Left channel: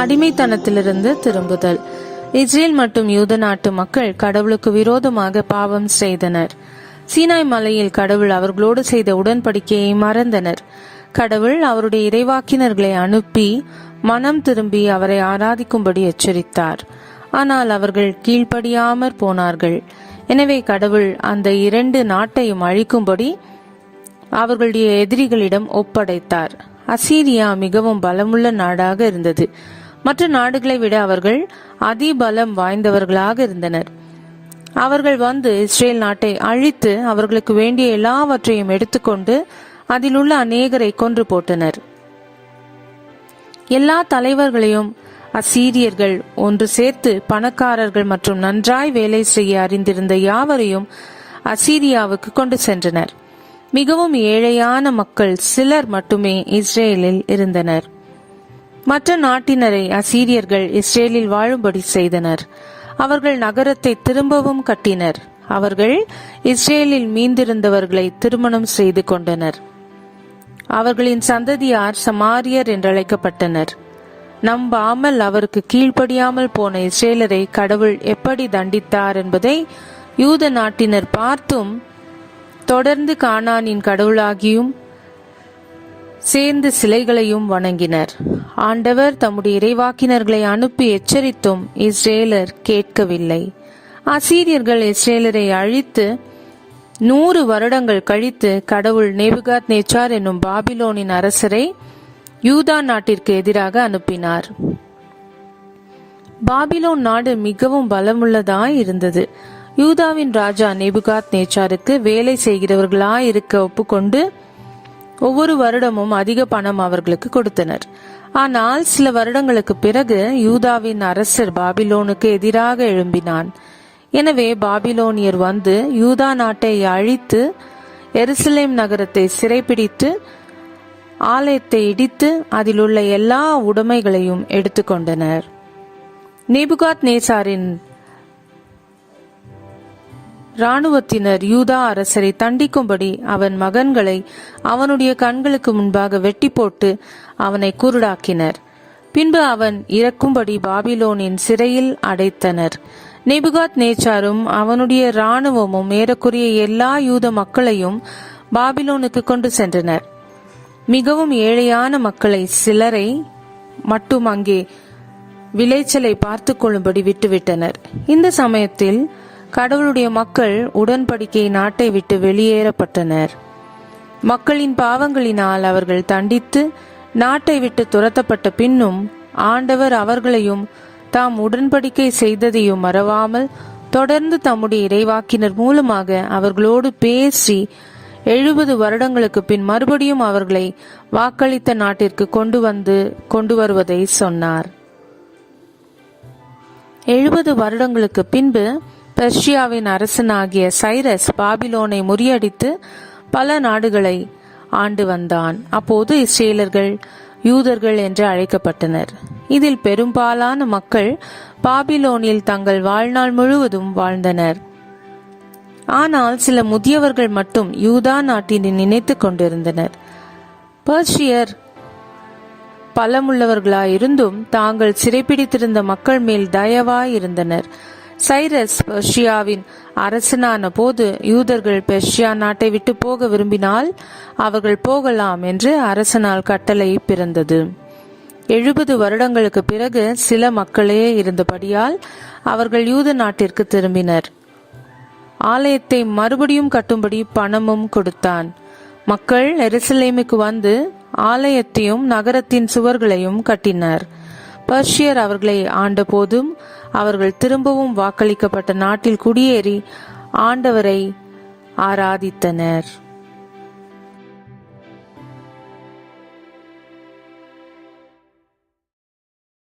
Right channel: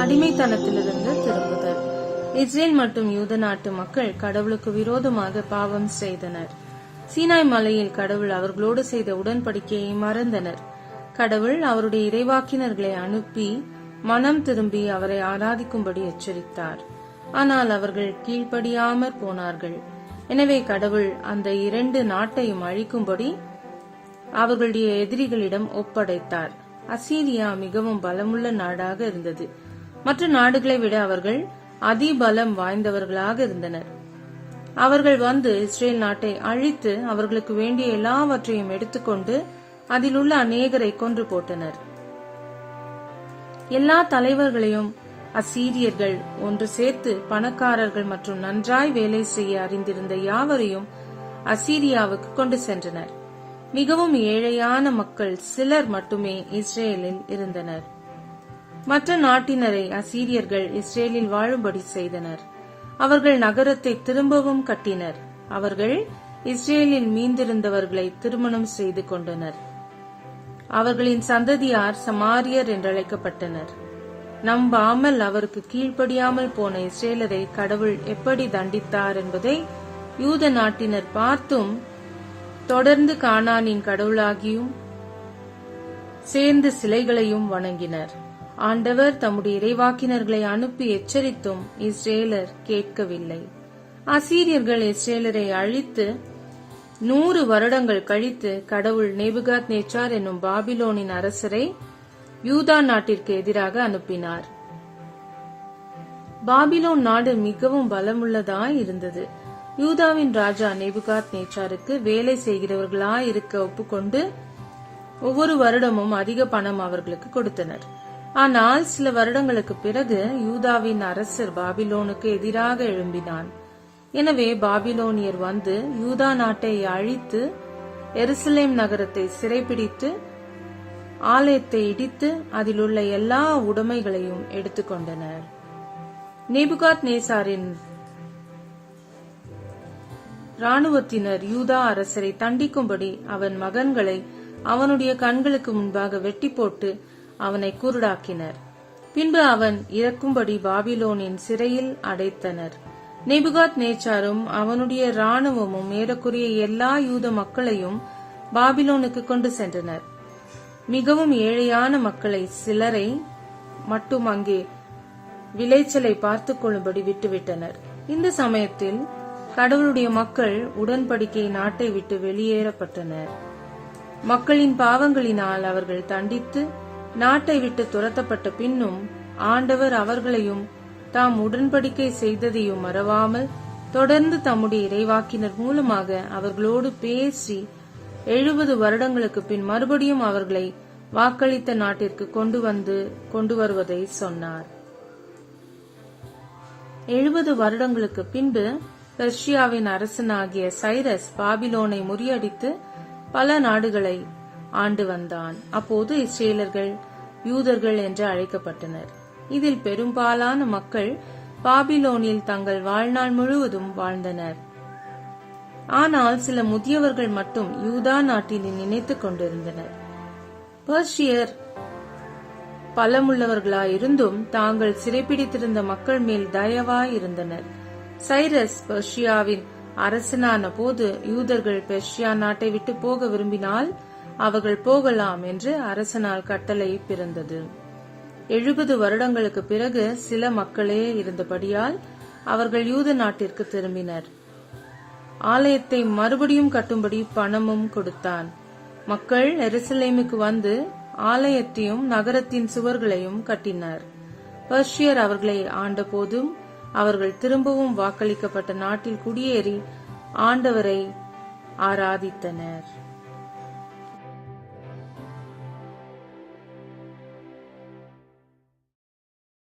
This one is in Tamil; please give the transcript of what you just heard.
அடிமைத்தனத்திலிருந்து திரும்புதல். இஸ்ரேல் மற்றும் யூத நாட்டு மக்கள் கடவுளுக்கு விரோதமாக பாவம் செய்தனர். சீனாய் மலையில் கடவுள் அவர்களோடு செய்த உடன்படிக்கையை மறந்தனர். கடவுள் அவருடைய இறைவாக்கினர்களை அனுப்பி மனம் திரும்பி அவரை ஆராதிக்கும்படி எச்சரித்தார். ஆனால் அவர்கள் கீழ்ப்படியாமற் போனார்கள். எனவே கடவுள் அந்த 2 நாட்டையும் அழிக்கும்படி அவர்களுடைய எதிரிகளிடம் ஒப்படைத்தார். அசீரியா மிகவும் பலமுள்ள நாடாக இருந்தது. மற்ற நாடுகளை விட அவர்கள் அதிபலம் வாய்ந்தவர்களாக இருந்தனர். அவர்கள் வந்து இஸ்ரேல் நாட்டை அழித்து அவர்களுக்கு வேண்டிய எல்லாவற்றையும் எடுத்துக்கொண்டு அதில் உள்ள அநேகரை கொன்று போட்டனர். எல்லா தலைவர்களையும் அசீரியர்கள் ஒன்று சேர்த்து பணக்காரர்கள் மற்றும் நன்றாய் வேலை செய்ய அறிந்திருந்த யாவரையும் அசீரியாவுக்கு கொண்டு சென்றனர். மிகவும் ஏழையான மக்கள் சிலர் மட்டுமே இஸ்ரேலில் இருந்தனர். மற்ற நாட்டினரை அசீரியர்கள் இஸ்ரேலில் வாழும்படி செய்தனர். அவர்கள் நகரத்தை திரும்பவும் கட்டினர். அவர்கள் இஸ்ரேலில் மீந்திருந்தவர்களை திருமணம் செய்து கொண்டனர். அவர்களின் சந்ததியார் சமாரியர் என்றழைக்கப்பட்டனர். நம்பாமல் அவருக்கு கீழ்ப்படியாமல் போன இஸ்ரேலரை கடவுள் எப்படி தண்டித்தார் என்பதை யூத நாட்டினர் பார்த்தும் தொடர்ந்து கானானின் கடவுளாகியும் சேர்ந்து சிலைகளையும் வணங்கினர். ஆண்டவர் தம்முடைய இறைவாக்கினர்களை அனுப்பி எச்சரித்தும் இஸ்ரேலர் கேட்கவில்லை. அசீரியர்கள் இஸ்ரேலரை அழித்து 100 வருடங்கள் கழித்து கடவுள் நேபுகாத் நேச்சார் என்னும் பாபிலோனின் அரசரை யூதா நாட்டிற்கு எதிராக அனுப்பினார். பாபிலோன் நாடு மிகவும் பலமுள்ளதாய் இருந்தது. யூதாவின் ராஜா நேபுகாத் நேச்சாருக்கு வேலை செய்கிறவர்களாய் இருக்க ஒப்புக்கொண்டு ஒவ்வொரு வருடமும் அதிக பணம் அவர்களுக்கு கொடுத்தனர். ஆனால் சில வருடங்களுக்கு பிறகு யூதாவின் அரசர் பாபிலோனுக்கு எதிராக எழும்பினான். எனவே பாபிலோனியர் வந்து யூதா நாட்டை அழித்து எருசலேம் நகரத்தை சிறைப்பிடித்து ஆலயத்தை இடித்து அதில் உள்ள எல்லா உடைமைகளையும் எடுத்துக்கொண்டனர். நேபுகாத் நேசாரின் இராணுவத்தினர் யூதா அரசரை தண்டிக்கும்படி அவன் மகன்களை அவனுடைய கண்களுக்கு முன்பாக வெட்டி போட்டு அவனை குருடாக்கினர். பின்பு அவன் இறக்கும்படி பாபிலோனின் சிறையில் அடைத்தனர். நேபுகாத் நேச்சாரும் அவனுடைய இராணுவமும் ஏறக்குறைய எல்லா யூத மக்களையும் பாபிலோனுக்கு கொண்டு சென்றனர். மிகவும் ஏழையான மக்களை சிலரை மட்டும் அங்கே விளைச்சலை பார்த்து கொள்ளும்படி விட்டுவிட்டனர். இந்த சமயத்தில் கடவுளுடைய மக்கள் உடன்படிக்கை நாட்டை விட்டு வெளியேறப்பட்டனர். மக்களின் பாவங்களினால் அவர்கள் தண்டித்து நாட்டை விட்டு துரத்தப்பட்ட பின்னும் ஆண்டவர் அவர்களையும் தாம் உடன்படிக்கை செய்ததையும் மறவாமல் தொடர்ந்து தம்முடைய இறைவாக்கினர் மூலமாக அவர்களோடு பேசி 70 வருடங்களுக்கு பின் மறுபடியும் அவர்களை வாக்களித்த நாட்டிற்கு கொண்டு வருவதை சொன்னார். 70 வருடங்களுக்கு பின்பு பெர்ஷியாவின் அரசனாகிய சைரஸ் பாபிலோனை முறியடித்து பல நாடுகளை ஆண்டு வந்தான். அப்போது இஸ்ரேலர்கள் யூதர்கள் என்று அழைக்கப்பட்டனர். இதில் பெரும்பாலான மக்கள் பாபிலோனில் தங்கள் வாழ்நாள் முழுவதும் வாழ்ந்தனர். ஆனால் சில முதியவர்கள் மட்டும் யூதா நாட்டினை நினைத்துக் கொண்டிருந்தனர். பெர்ஷியர் பலமுள்ளவர்களாயிருந்தும் தாங்கள் சிறைப்பிடித்திருந்த மக்கள் மேல் தயவாய் இருந்தனர். சைரஸ் பெர்ஷியாவின் அரசனான போது யூதர்கள் பெர்ஷியா நாட்டை விட்டு போக விரும்பினால் அவர்கள் போகலாம் என்று அரசனால் கட்டளை பிறந்தது. 70 வருடங்களுக்கு பிறகு சில மக்களே இருந்தபடியால் அவர்கள் யூத நாட்டிற்கு திரும்பினர். ஆலயத்தை மறுபடியும் கட்டும்படி பணமும் கொடுத்தான். மக்கள் எருசலேமுக்கு வந்து ஆலயத்தையும் நகரத்தின் சுவர்களையும் கட்டினர். பெர்ஷியர் அவர்களை ஆண்ட போதும் அவர்கள் திரும்பவும் வாக்களிக்கப்பட்ட நாட்டில் குடியேறி ஆண்டவரை ஆராதித்தனர்.